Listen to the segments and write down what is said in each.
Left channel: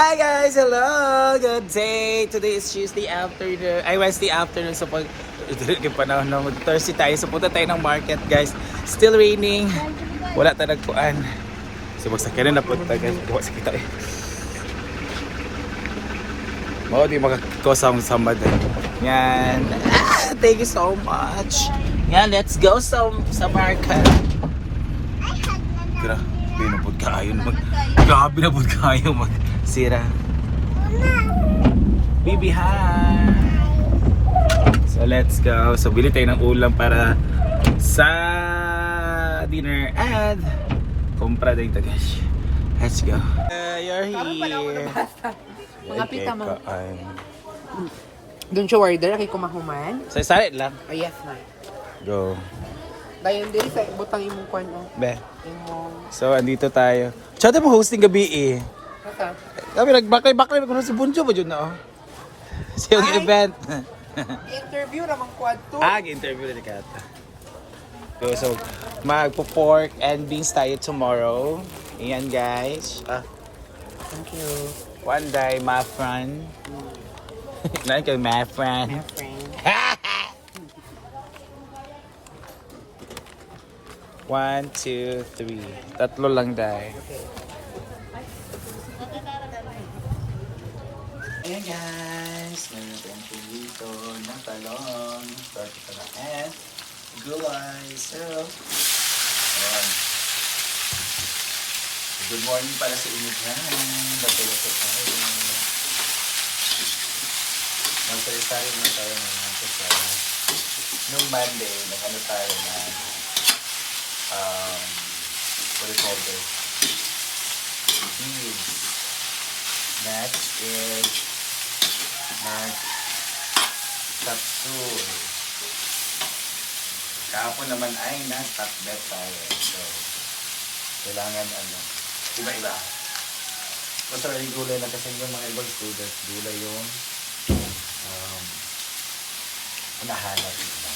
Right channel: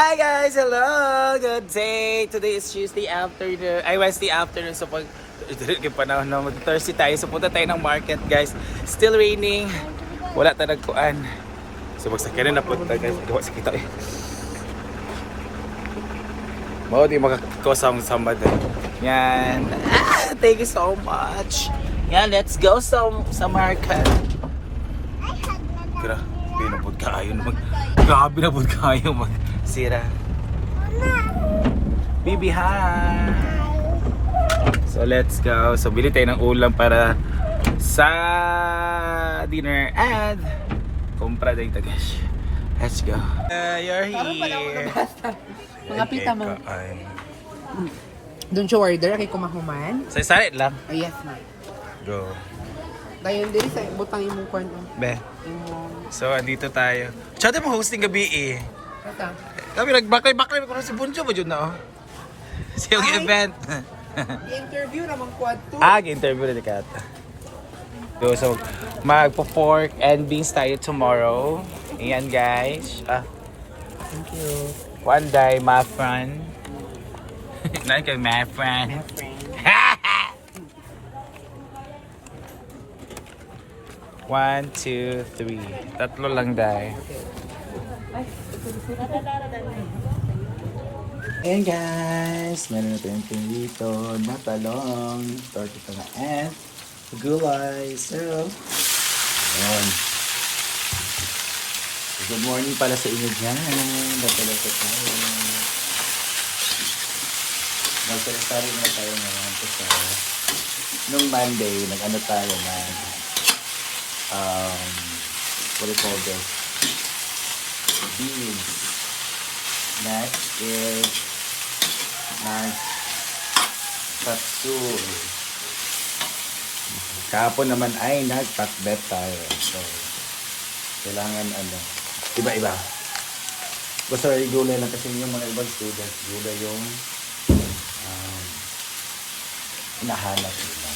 Hi guys! Hello! Good day! Today is Tuesday afternoon. Wednesday afternoon. So pag yung panahon na mag-Thursday tayo. So punta tayo ng market guys. Still raining. Wala tayo nagpuan. So magsakyan na punta guys. Gawa sa kita eh. Mao di makakosang samad. Yan. Thank you so much. Yan, let's go sa market. Grabe na po kayo. Grabe na po kayo magsira. Baby, hi! So let's go. So bili tayo ng ulam para sa dinner and kumpra tayo guys. Let's go. You're here. Mga pita mo. Doon siya order, kay kumahuman. So isalit lang. Ay, yes na. Go. Dayon din sa butang imong kwan. Be. So andito tayo. Tsada mo hosting gabi eh. Basta. Kami nagbakay-bakay ko sa Bunjo ba dyan na oh. Sa yung event. I-interview naman quad 2. Interview na ni Kata. So magpo-pork and beans tayo tomorrow. Ayan guys. Thank you. One day, my friend. Naan kayo, my friend. My friend. 1, 2, 3. Tatlo lang dahil. Ayan guys, meron natin yung dito na talong, tortita na and gulay. So, ayan. Good morning pala sa inyo dyan. Napalapot tayo. Magkakasari na tayo ngayon sa nung Monday, nag-ano tayo na what is that guys? Beans. Next is nagpatsul. Kahapon naman ay nagpakbet tayo. So, kailangan iba-iba. Gusto rin gulay lang kasi yung mga ibang students, gulay yung hinahanap nila.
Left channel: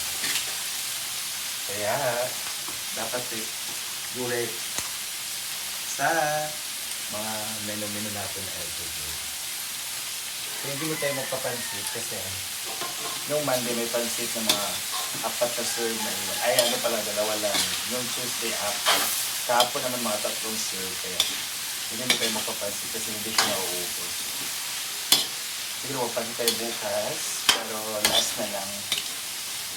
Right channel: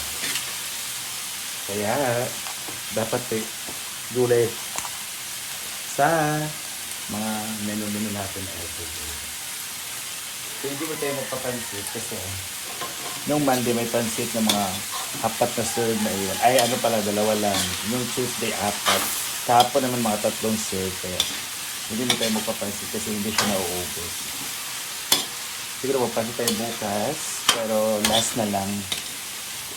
Kaya, dapat gulay sa mga menu-menu natin everyday. So, hindi mo tayo magpapansit kasi nung Monday may pansit na mga apat na serve na yun. Ay, pala, dalawa lang. Nung Tuesday, apat. Kahapon na ng mga tatlong serve. Kaya hindi mo tayo magpapansit kasi hindi siya mauubos. Siguro magpansit tayo bukas. Pero last na lang.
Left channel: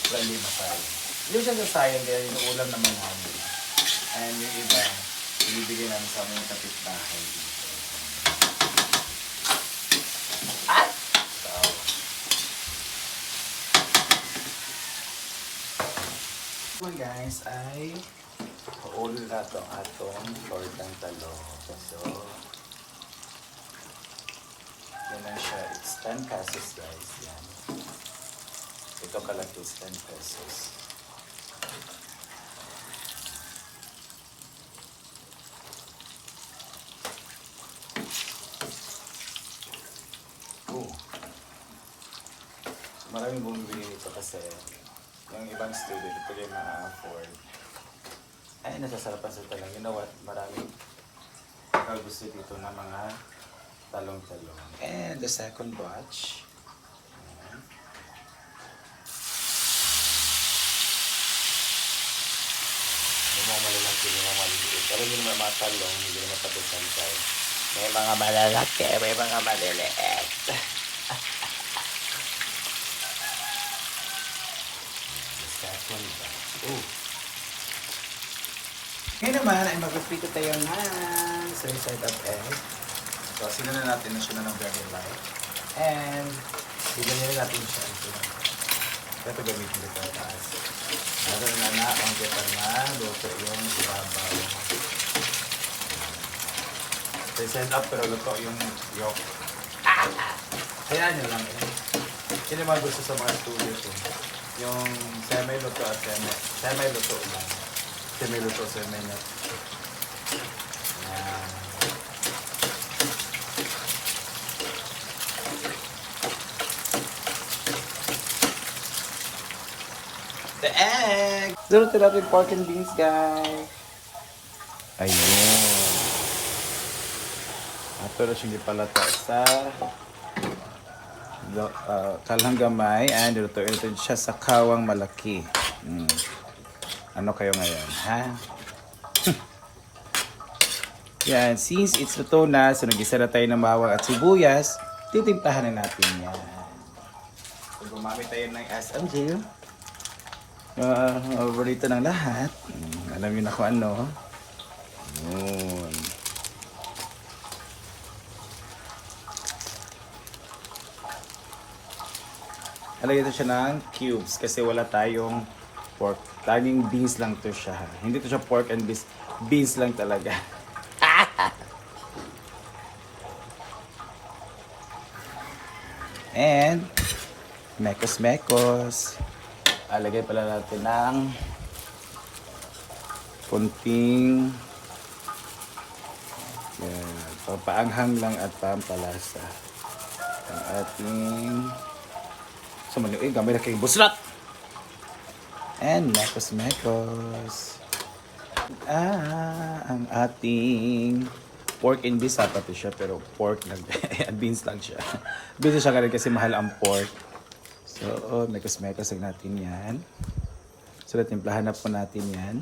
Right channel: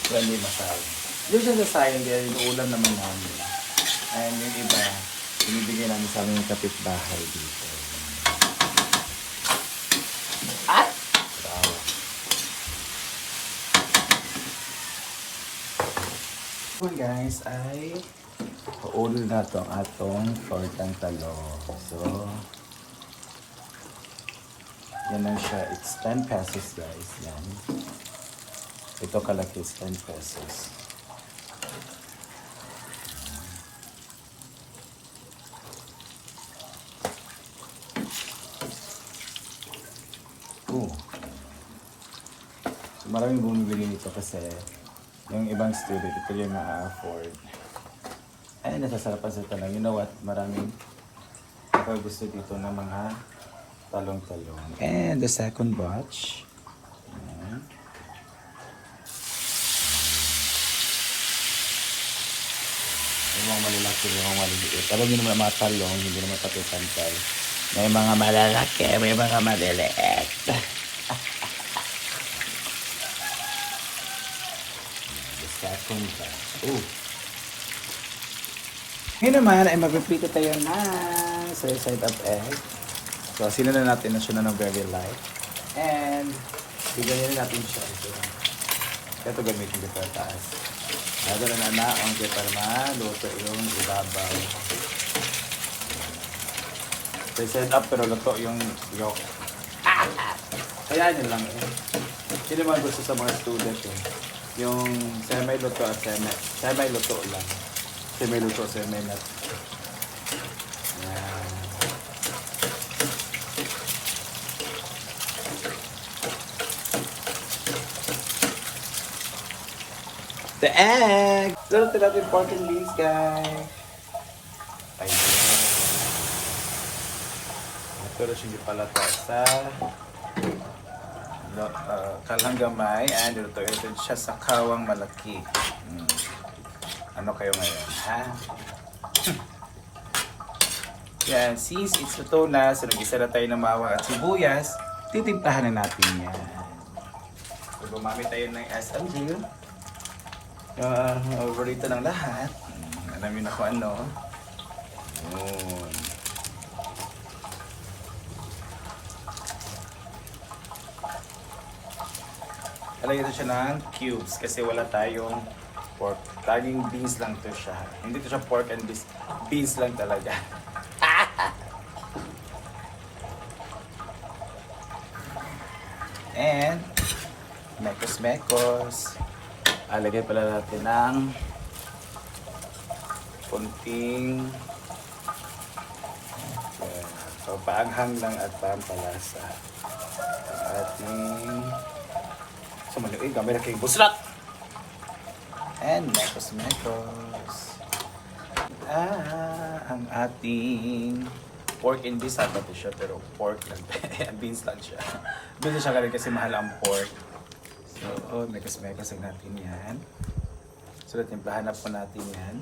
Wala hindi masaya. Yung sa sayang kaya yung ulam naman namin. And yung iba, binibigyan namin sa aming kapitbahay dito. So guys, ay paulo na ito ang atong tortang talong. So, yan lang siya. It's 10 pesos guys. Yan. Ito kalaki is 10 pesos. Maraming bumibili nito kasi yung ibang student, ito yung ma-afford. Ay, nasasarapan sa talang. You know what? Maraming gusto dito ng mga talong-talong. And the second batch. Ayan. Yung mga malalaki, yung mga maliliit. Alam nyo naman mga talong, hindi naman patutantay. May mga malalaki, may mga maliliit. Second batch. Ngayon naman ay mag-prito tayo ng side of egg. So, sinunan natin na siya na ng very light. And, bigyan natin siya. Ito gamitin dito sa taas. Lagyan na na ang kita na luto yung ibabaw. So, set up pero luto yung yolk. Kaya nyo lang eh. Sino ba gusto sa mga students eh? Yung semi-luto at semi-luto lang. Semi-luto, semi-nut. Yan. The egg! Luto natin pork and beans, guys. Ayun. At Pero siya palata sa kalang gamay and ito siya sa kawang malaki. Ano kayo ngayon, ha? Yan, since it's ito na, so nag-isa na tayo ng bawang at sibuyas, titimplahan na natin yan. So gumamit tayo ng SMG. Overrito ng lahat. Alamin na kung ano. Lagyan ito siya ng cubes kasi wala tayong pork. Laging beans lang to siya. Hindi to siya pork and beans. Beans lang talaga. And mekos-mekos. Alagay pala natin ng kunting paanghang lang at pampalasa. Ang ating sumali, gamay na kayong busrat! And mekos-mekos. Ang ating pork and beans dapat ito siya, pero pork lang. Beans lang siya. Beans siya kasi mahal ang pork. So, mekos-mekos lang natin yan. So, timplahan na po natin yan.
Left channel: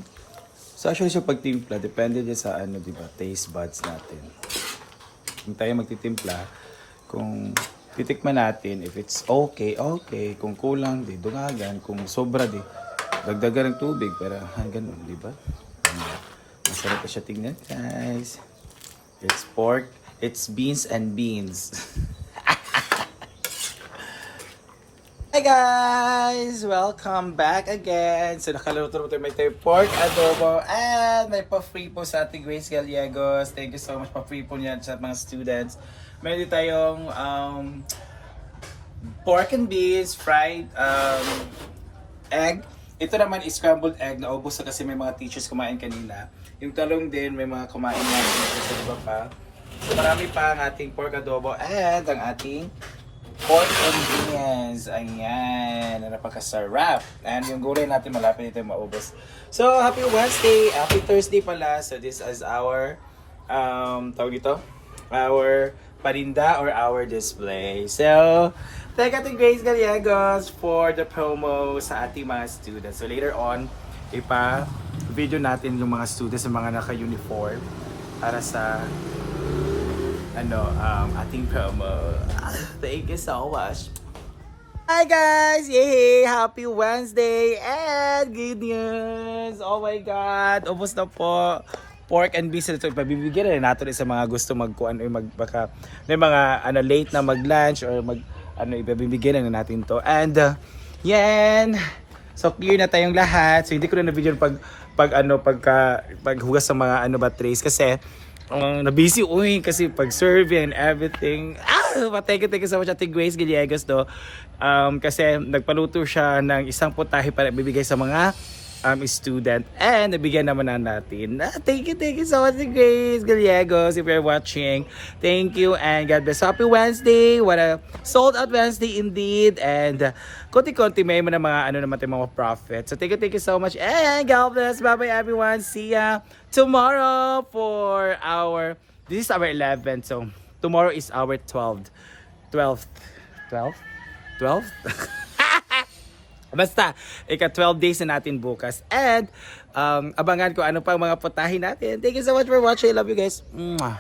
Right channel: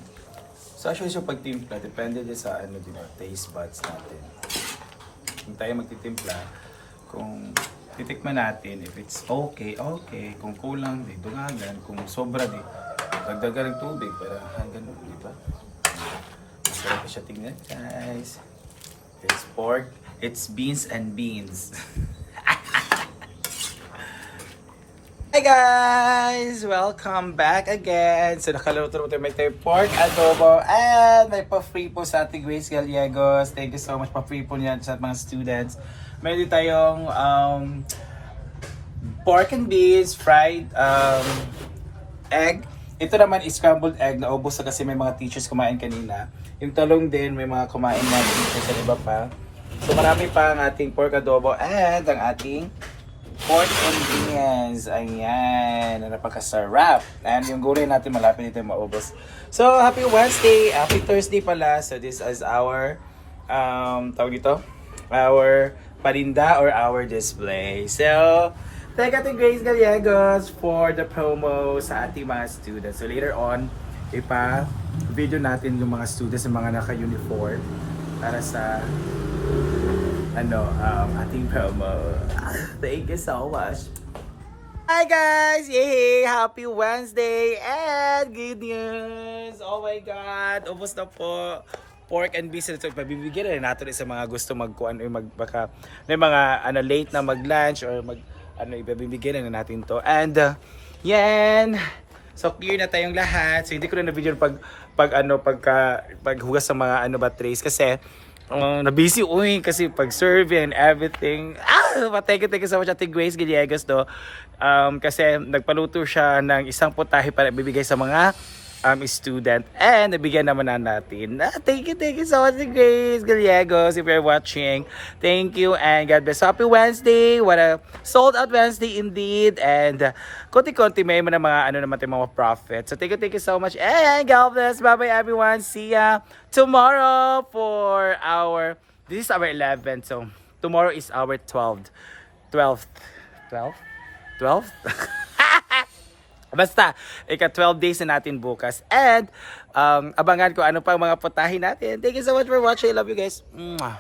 So, actually siya pagtimpla, depende din sa ano, diba, taste buds natin. Kung tayo magtitimpla, kung titikman natin, if it's okay, okay. Kung kulang, di dungagan. Kung sobra, di dagdagan ng tubig. Pero hanggang, di ba? Masarap pa siya tingnan, guys. It's pork, it's beans and beans. Hi guys! Welcome back again! So nakaluto naman tayo, may tayo pork adobo and may pa-free po sa ating Grace Gallegos. Thank you so much, pa-free po niyan sa mga students. Meron din tayong pork and beans, fried egg. Ito naman is scrambled egg, naubos na kasi may mga teachers kumain kanina. Yung talong din, may mga kumain na teachers at iba pa. So marami pa ang ating pork adobo and ang ating pork and beans. Ayan, napakasarap. And yung gulay natin malapit nito maubos. So, happy Wednesday, happy Thursday pala. So, this is our, tawag ito, our parinda or our display. So, thank you Grace Gallegos for the promo sa ating mga students. So, later on, ipa-video natin yung mga students, yung mga naka-uniform para sa ating promo. Thank you so much. Hi guys! Yay! Happy Wednesday! And good news! Oh my God! Ubus na po. Pork and beans. Ito, pabibigyan na natin sa mga gusto magkuhan o baka may mga late na mag-lunch or ibibigyan na natin to. And yan! So clear na tayong lahat. So hindi ko na na-video paghugas sa mga trays kasi na-busy kasi pag-serve and everything. Thank you so much Ate Grace Gallegos kasi nagpaluto siya ng isang putahe para ibibigay sa mga student and nabigyan naman na natin. Thank you so much Ate Grace Gallegos if you're watching. Thank you and God bless. Happy Wednesday. What a sold out Wednesday indeed. And konti-konti may mga naman tayong mga profit. So thank you so much and God bless. Bye-bye everyone. See ya tomorrow for this is our 11th. So tomorrow is our 12th. Basta, 12 days na natin bukas. And abangan ko ano pa mga putahin natin. Thank you so much for watching. I love you guys. Mwah.